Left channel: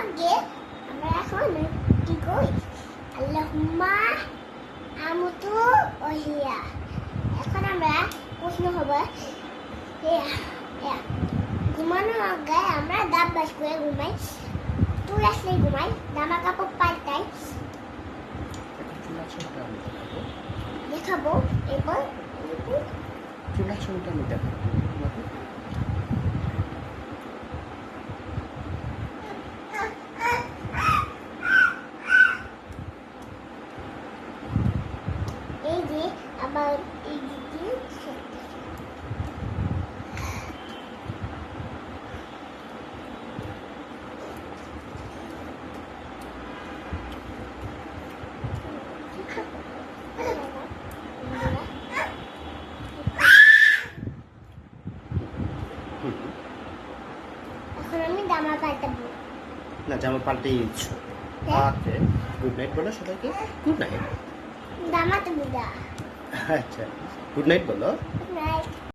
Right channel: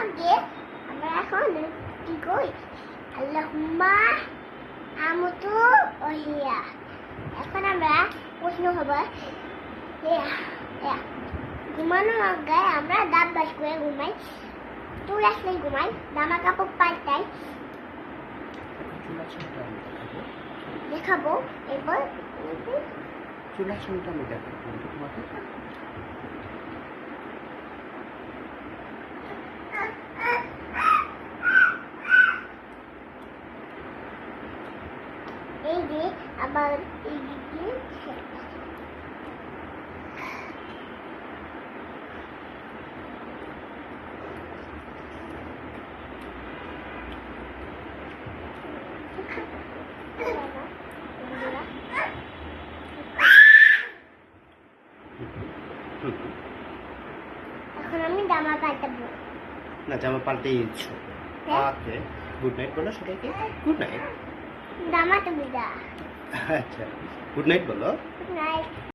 আগে আমরা এখন কি করি? আল্লাহুম্মা আমুতু ওহিয়া। এখন আমরা প্রশ্ন হবে ঘুমানোর আগে আমরা দাঁত ব্রাশ করে ঘুমাই, চুল আসলে ঘুমাই, জামা কাপড় পাল্টাই, দেখাবো। এরপর চুল আসনটা আমি দেখাবো। এই যে আবার এই দিকে এখন আমি জামা পাল্টাবো। না, জামা পাল্টে দিচ্ছ। ওকে, গুড নাইট বলো সবাইকে। Good night. জামাটা বুঝা। আচ্ছা, গুড নাইট বলো। Good night.